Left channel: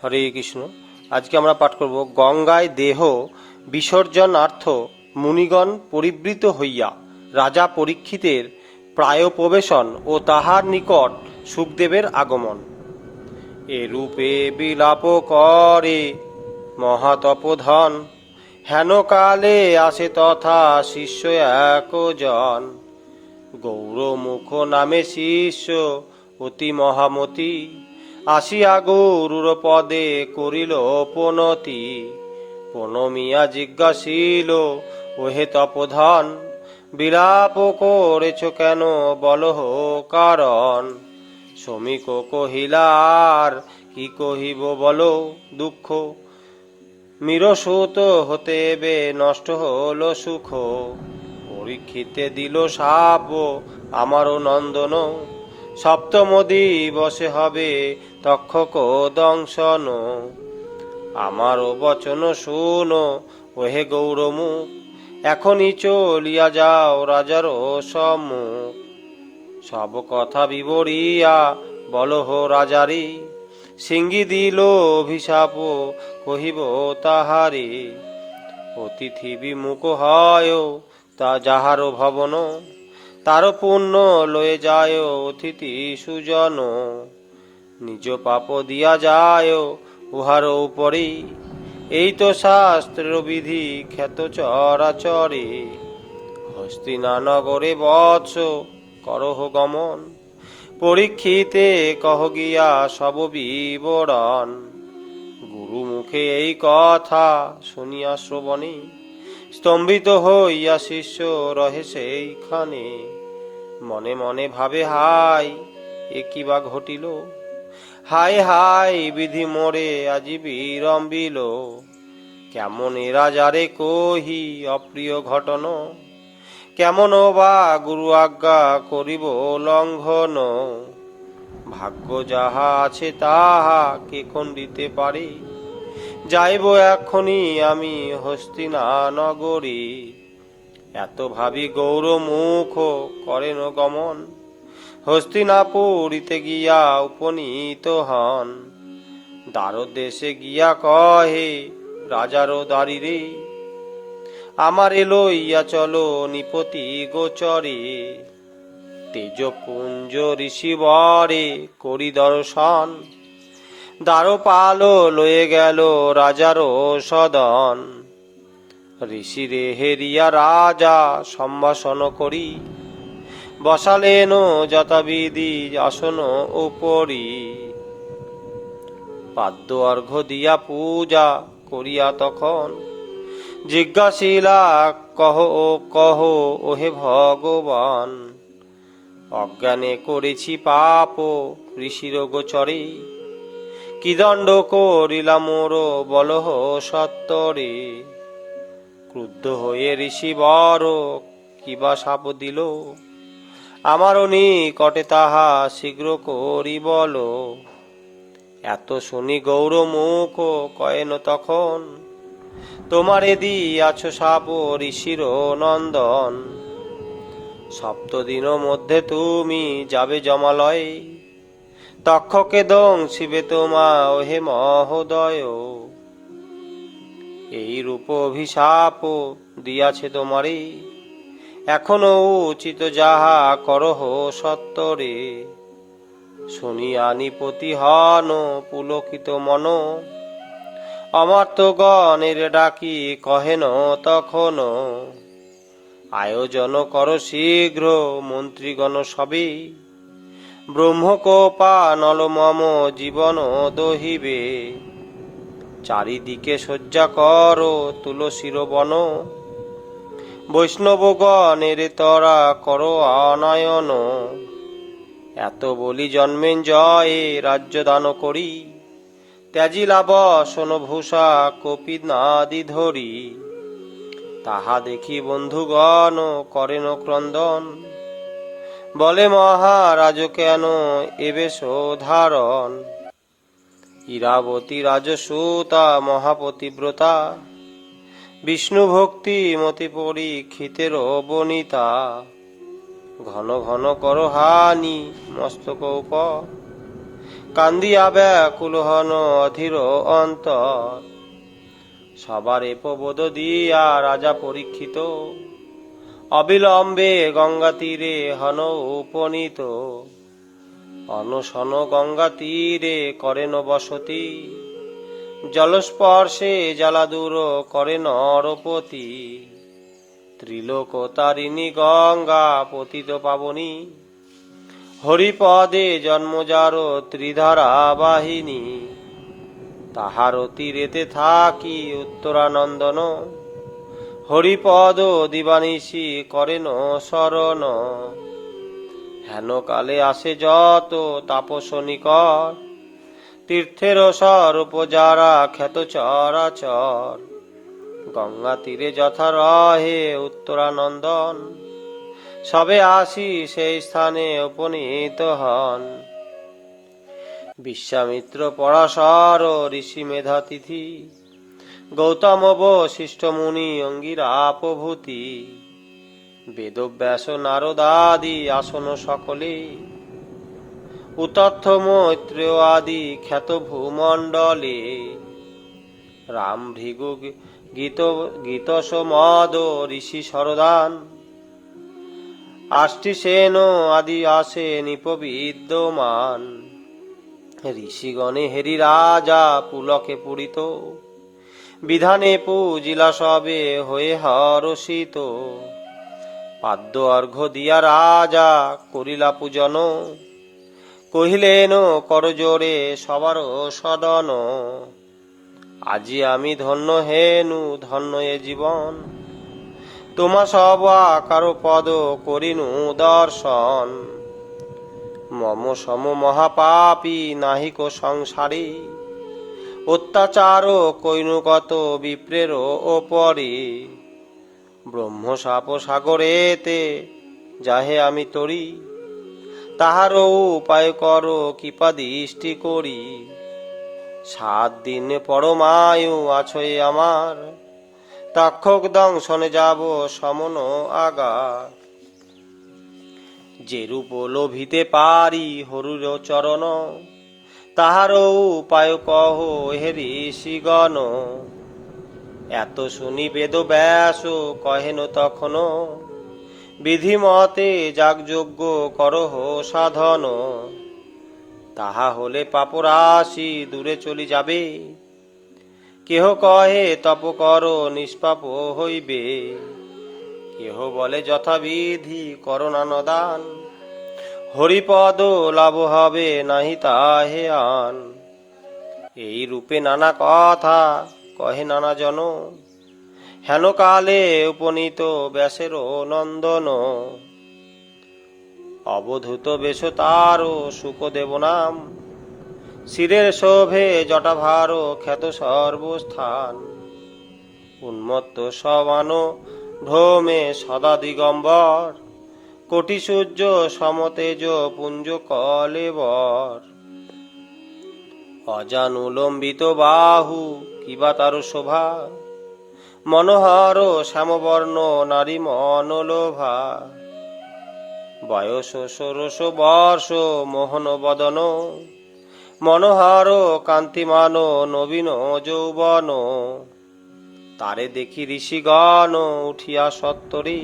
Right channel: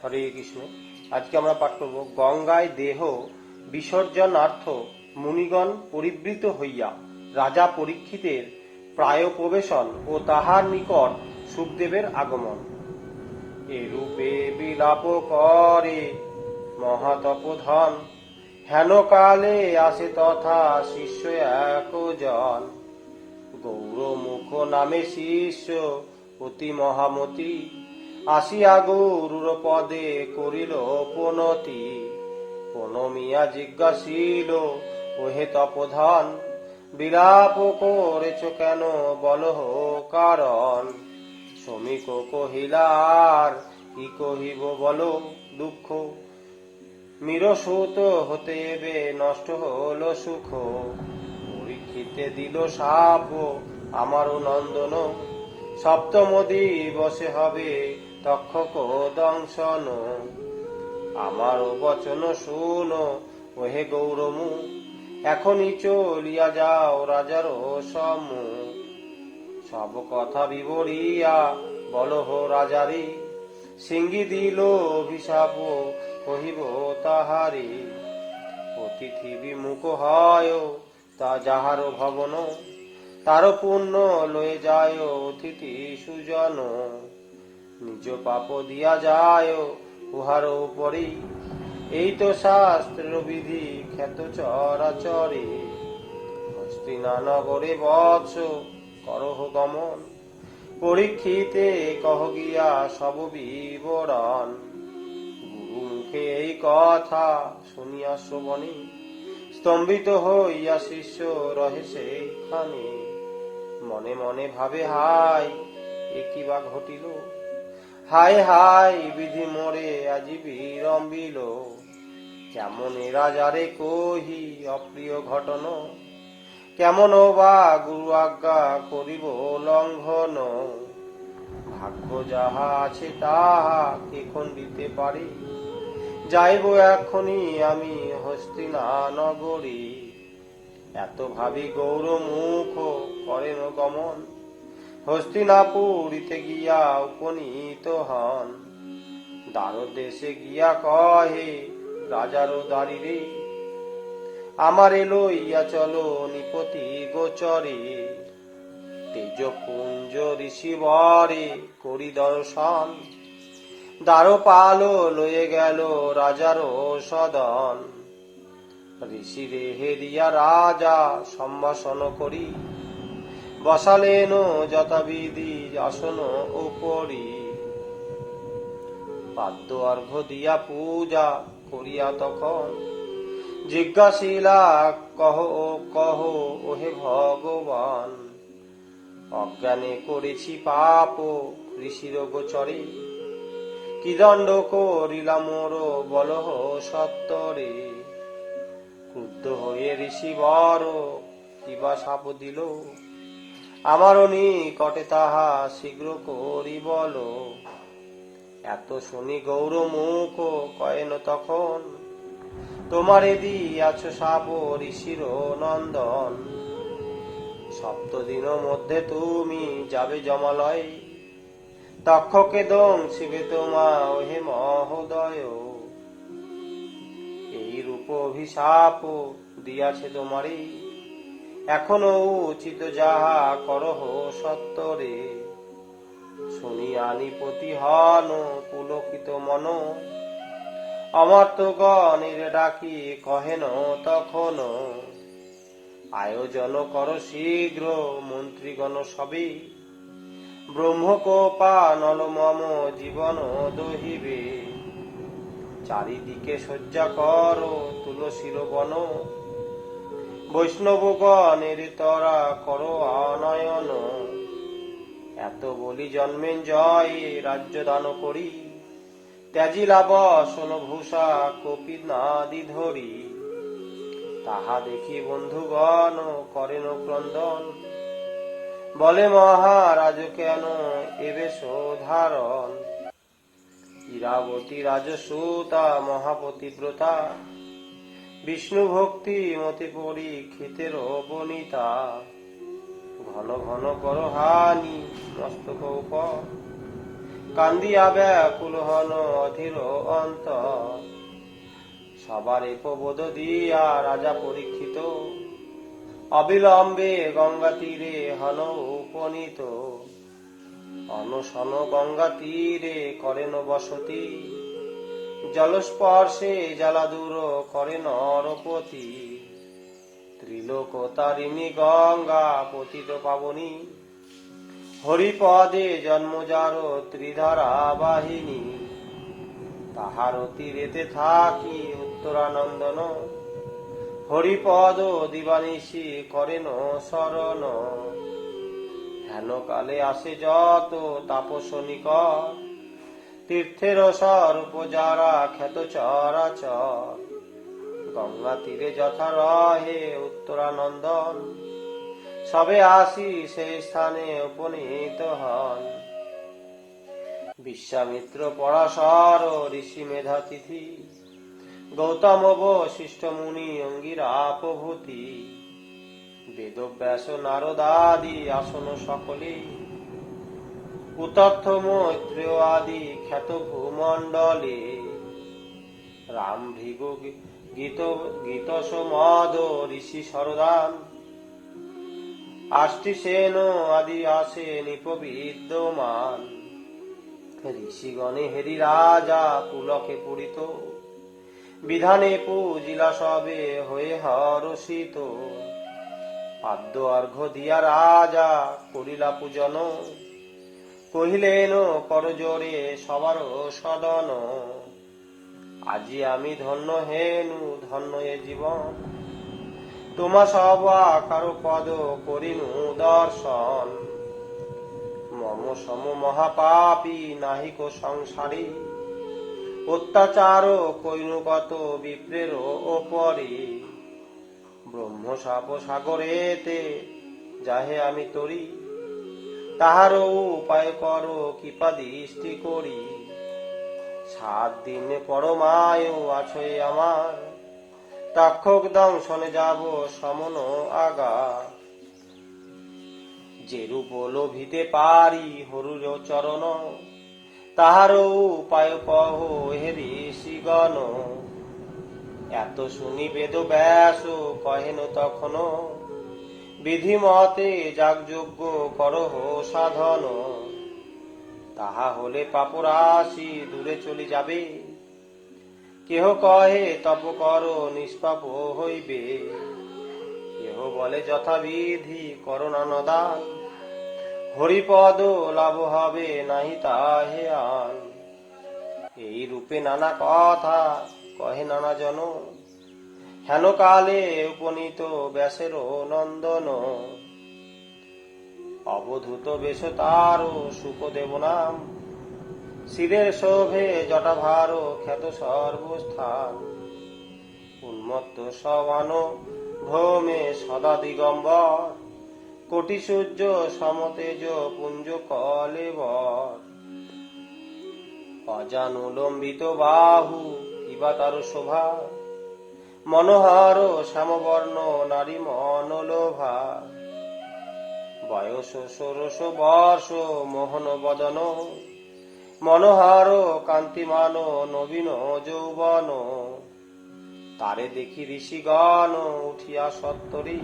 হরে কৃষ্ণ। আজকে আমরা পাঠ করব গঙ্গায় দেহ বিসর্জনার্থ মুনিগণ পরিবৃত হইয়া রাজা পরীক্ষিতের প্রায় প্রবেশন ও তাহার নিকট সুখদেবের আগমন। এরূপে বিলাপ করে মহাতপধন, হেন কালে আসে তথা শিষ্য একজন। গৌরমুখ নামে শিষ্য অতি মহামতি, আসিয়া গৌরুর পদে করিল পনতি। প্রণমিয়া জিজ্ঞাসিল, ওহে তপধন, বিলাপ করেছ কেন বলহ কারণ। শ্রমিক কহিলার কি কহিব বলো দুঃখ, মিরসূত হতে এবে নষ্ট হল সুখ। পরীক্ষিতে দিল শাপ আমারও নন্দন, সপ্তম দিবসে হবে তক্ষক দংশন। আমারও বচন শুনো ওহে গৌরমুখ, এখনই চলিয়া যাও রাজার সম্মুখ। সব কথা বিবরিয়া বলহ রাজারে, সিঙ্গি দিল অভিশাপ কহিব তাহারে। অতিথি বিমুখ হয় তা যাহার ভবন, তার পুণ্য লয়ে যায় অতিথি সুজন। নিজ পাপ দিয়া যায় উহার উপরে, এই তো শাস্ত্রের বিধি খ্যাত চরাচরে। হস্তিনানগরে বৎস করহ গমন, পরীক্ষিতে কহ গিয়া সব বিবরণ। গুরু মুখে এই কথা শুনিয়া শ্রবণে, স্তম্ভিত হইয়া শিষ্য রহে সেইখানে। মনে মনে ভাবে হাই এ কি বা ঘটিল, হাই হাই বিধি মোরে আজি বিড়ম্বিল। কেমন এ রাজারে কহি অপ্রিয় ঘটন, কেমন বা গুরু আজ্ঞা করিব লঙ্ঘন। ভাগ্য যাহা আছে তাহা কে খণ্ডিতে পারে, যাইব এখনি আমি হস্তিনানগরে। এত ভাবি গৌরমুখ করেন গমন, হস্তিনাপুরীতে গিয়া উপনীত হন। দ্বারদেশে গিয়া কহে রাজার দ্বারিরে, আমারে লইয়া চলো নিপতি গোচরে। তেজপুঞ্জ ঋষিবরে করি দর্শন, দ্বারপাল লয়ে গেল রাজার সদন। ঋষিরে হেরিয়া রাজা সম্ভাষণ করি, বসালেন যথাবিধি আসন উপরি। পাদ্য অর্ঘ্য দিয়া পূজা করিয়া তখন, জিজ্ঞাসিলা কহ কহ ওহে ভগবান। অজ্ঞানে করেছি পাপ ঋষির গোচরে, কি দণ্ড করিলাম মোর বলহ সত্তরে। ক্রুদ্ধ হয়ে ঋষি বর কিবা শাপ দিল, আমারও নিকটে তাহা শীঘ্র করি বল। এত শুনি গৌরমুখ কয়েন তখন, তোমারে দিয়াছ শাপ ঋষির নন্দন। সপ্তদিন মধ্যে তুমি যাবে জমালয়ে, তক্ষকে দংশিবে তোমা ওহে মহোদয়। এই রূপ অভিশাপ দিয়াছে তোমারে, এখনো উচিত যাহা করহ সত্তরে। শুনিয়া নিপতি হন পুলকিত মন, অমার্তগণের ডাকি কহেন তখন। আয়োজন কর শীঘ্র মন্ত্রীগণ সবে, ব্রহ্মকোপা নল মম জীবন দহিবে। চারিদিকে শয্যা কর তুলসীর বন, বৈষ্ণবগণের তরা কর আনয়ন। এত বলি জন্মেঞ্জয়ে রাজ্য দান করি, ত্যাজিলা বসন ভূষা কপিনাদি ধরি। তাহা দেখি বন্ধুগণ করেন ক্রন্দন, বলে মহারাজ কেন এবেশ ধারণ। ইরাবতী রাজসূতা মহাপতিব্রতা, বিষ্ণু ভক্তি মতি পরীক্ষিতের বনিতা। ঘন ঘন কর হানি মস্তক উপর, কান্দিয়া ব্যাকুল হন অধীর অন্তর। সবার প্রবোধ দিয়া রাজা পরীক্ষিত, অবিলম্বে গঙ্গা তীরে হন উপনীত। অনশন গঙ্গা তীরে করেন বসতি, জলস্পর্শে জ্বালা দূর করে নরপতি। ত্রিলোক তারিণী গঙ্গা পতিত পাবনী, হরিপদে জন্মজার ত্রিধারা বাহিনী। তাহার তীরেতে থাকি উত্তরানন্দন, হরিপদ দিবানিশি করেন শরণ। হেন কালে আসে যত তাপস নিকট, তীর্থের স্বরূপ যারা খ্যাত চরাচর। গঙ্গা তীরে যথা রহে উত্তরানন্দন, সবে আসি সেই স্থানে উপনীত হন। বিশ্বামিত্র পরাশর ঋষি মেধাতিথি, গৌতম বশিষ্ঠ মুনি অঙ্গিরা প্রভৃতি। বেদব্যাস নারদাদি আসন সকলে, উতথ্য মৈত্রেয় আদি খ্যাত ভূমণ্ডলে। রাম ভৃগু গীতস মদ ঋষি সরদান, আষ্টি সেন আদি আসে নিপবিদ্যমান। ঋষিগণে হেরি রাজা পুলকে পুরিত, বিধানে পূজিলা সবে হয়ে হরষিত। পাদ্য অর্ঘ্য দিয়া রাজা করিলা পূজন, কহিলেন করজোরে সবার সদন। আজি আমি ধন্য হেনু ধন্য এ জীবন, তোমা সব কারো পদ করিনু দর্শন। মম সম মহাপাপী নাহিক সংসারে, অত্যাচার কইনু কত বিপ্রের ওপরে। ব্রহ্ম সাপ সাগরেতে যাহে আমি তরি, তাহার উপায় করো কৃপা দৃষ্টি করি। 7 দিন পরমায়ু আছয় আমার, তক্ষক দংশনে যাব সমন আগা। যে রূপ লোভিতে পারি হরুর চরণ, তাহার উপায় কহ হে ঋষিগণ। এত শুনি বেদ ব্যাস কহেন তখন, বিধিমতে যাগযজ্ঞ করহ সাধন। তাহা হলে পাপরাশি দূরে চলি যাবে, কেহ কহে তপ কর নিষ্পাপ হইবে। কেহ বলে যথাবিধি করোনান দান, হরিপদ লাভ হবে নাহি তাহে আন। এই রূপে নানা কথা কহে নানা জন, হেন কালে উপনীত ব্যাসের নন্দন। অবধূত বেশ তার সুখদেব নাম, শিরের শোভে জটাভার খ্যাত সর্বস্থান। উন্মত্ত সবান ভ্রমে সদা দিগম্বর, কোটি সূর্য সমতেজ পুঞ্জ কলেবর। অজানুলম্বিত বাহু কিবা তার শোভা, মনোহর শ্যামবর্ণ নারী মনোলোভা। বয়স 16 বর্ষ মোহন বদন, মনোহর কান্তিমান নবীন যৌবন। তারে দেখি ঋষিগণ উঠিয়া সত্তরে,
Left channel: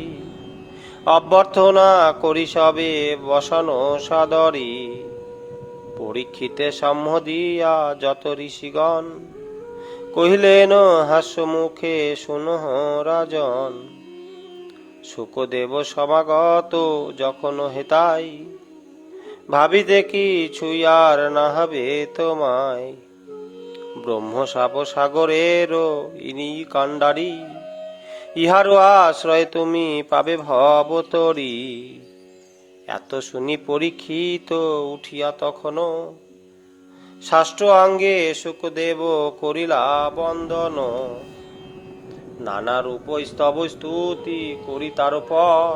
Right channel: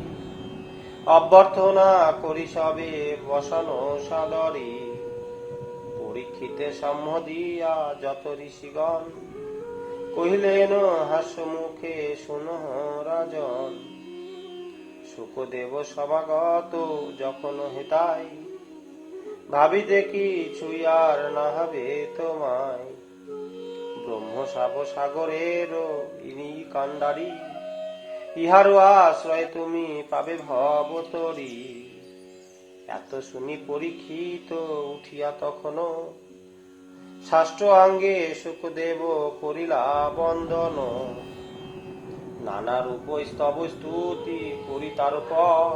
অভ্যর্থনা করি সবে বসন সাদরে। পরীক্ষিতে সাম্য দিয়া যত ঋষিগণ, কহিলেন হাস্য মুখে শুনহ রাজন। শুকদেব সমাগত যখন হেতাই, ভাবি দেখি ছুঁয়ার না হবে তোমায়। ব্রহ্ম সাপ সাগরের ইনি কাণ্ডারি, ইহার আশ্রয় তুমি পাবে ভবতরী। এত শুনি পরীক্ষিত উঠিয়া তখনও, ষষ্ঠ অঙ্গে শুকদেব করিলা বন্দন। নানা রূপ স্তব স্তুতি করি তার পর,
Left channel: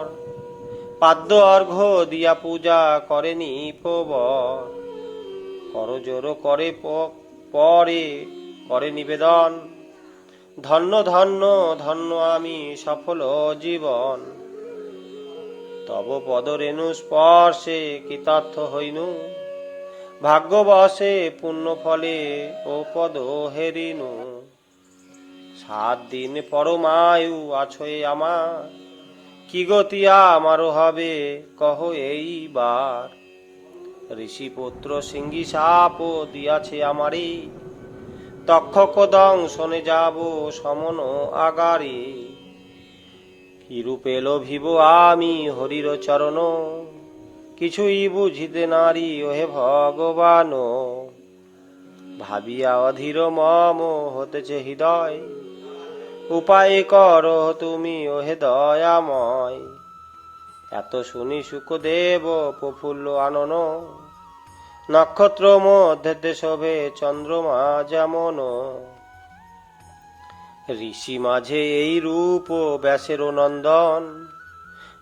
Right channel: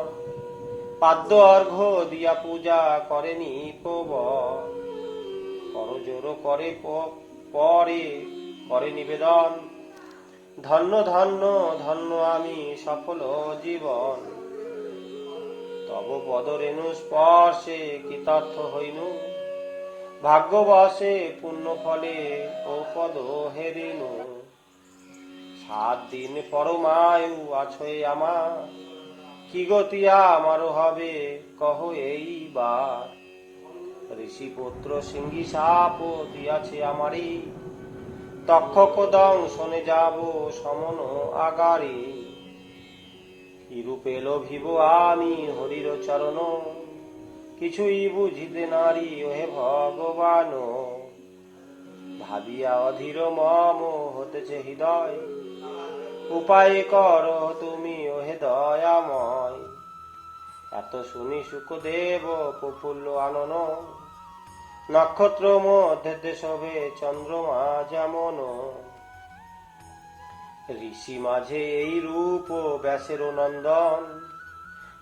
পাদ্য অর্ঘ্য দিয়া পূজা করেনি প্রবর। করজোর করে পরে করে নিবেদন, ধন্য ধন্য ধন্য আমি সফল জীবন। তব পদরেণু স্পর্শে কৃতার্থ হইনু, ভাগ্যবশে পুণ্য ফলে ও পদ হেরিনু। 7 দিন পরমায়ু আছয়ে আমার, কি গতি আমারও হবে কহ এইবার। ঋষিপুত্র সিংহী সাপ দিয়াছে আমারে, তক্ষক দংশনে যাব সমন আগারে। কিরূপে লোভিব আমি হরির চরণ, কিছুই বুঝিতে নারী ওহে ভগবান। ভাবিয়া অধীর মম হতেছে হৃদয়, উপায় করো তুমি ওহে দয়াময়। এত শুনি শুকদেব প্রফুল্ল আনন, নক্ষত্র মধ্যে শোভে চন্দ্রমা যেমন। ঋষি মাঝে এই রূপ ব্যাসের নন্দন,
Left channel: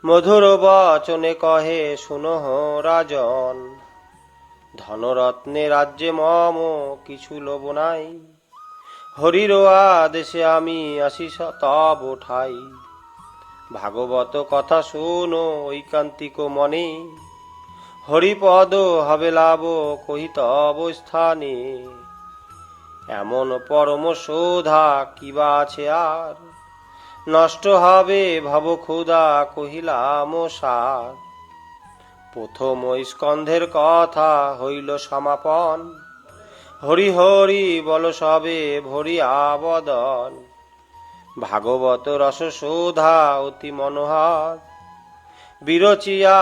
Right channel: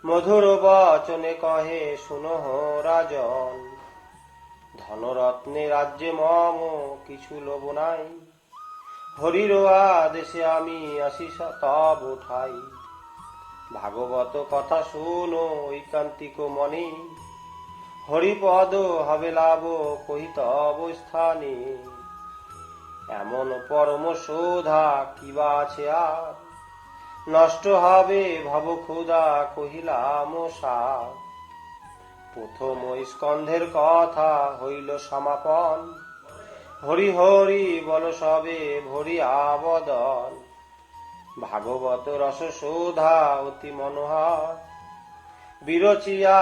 মধুর বচনে কহে শুনহ রাজন। ধনরত্নে রাজ্যে মম কিছু লোভ নাই, হরির আদেশে আমি আসি তব ঠাই। ভাগবত কথা শুনো ঐকান্তিক মনে, হরিপদ হবে লাভ কহি তব স্থানে। এমন পরম শোধা কিবা আছে আর, নষ্ট হবে ভব ক্ষুধা কহিলাম সার। প্রথম স্কন্ধের কথা হইল সমাপন, হরি হরি বল সবে ভরিয়া বদন। ভাগবত রস শোধা অতি মনোহর, বিরচিয়া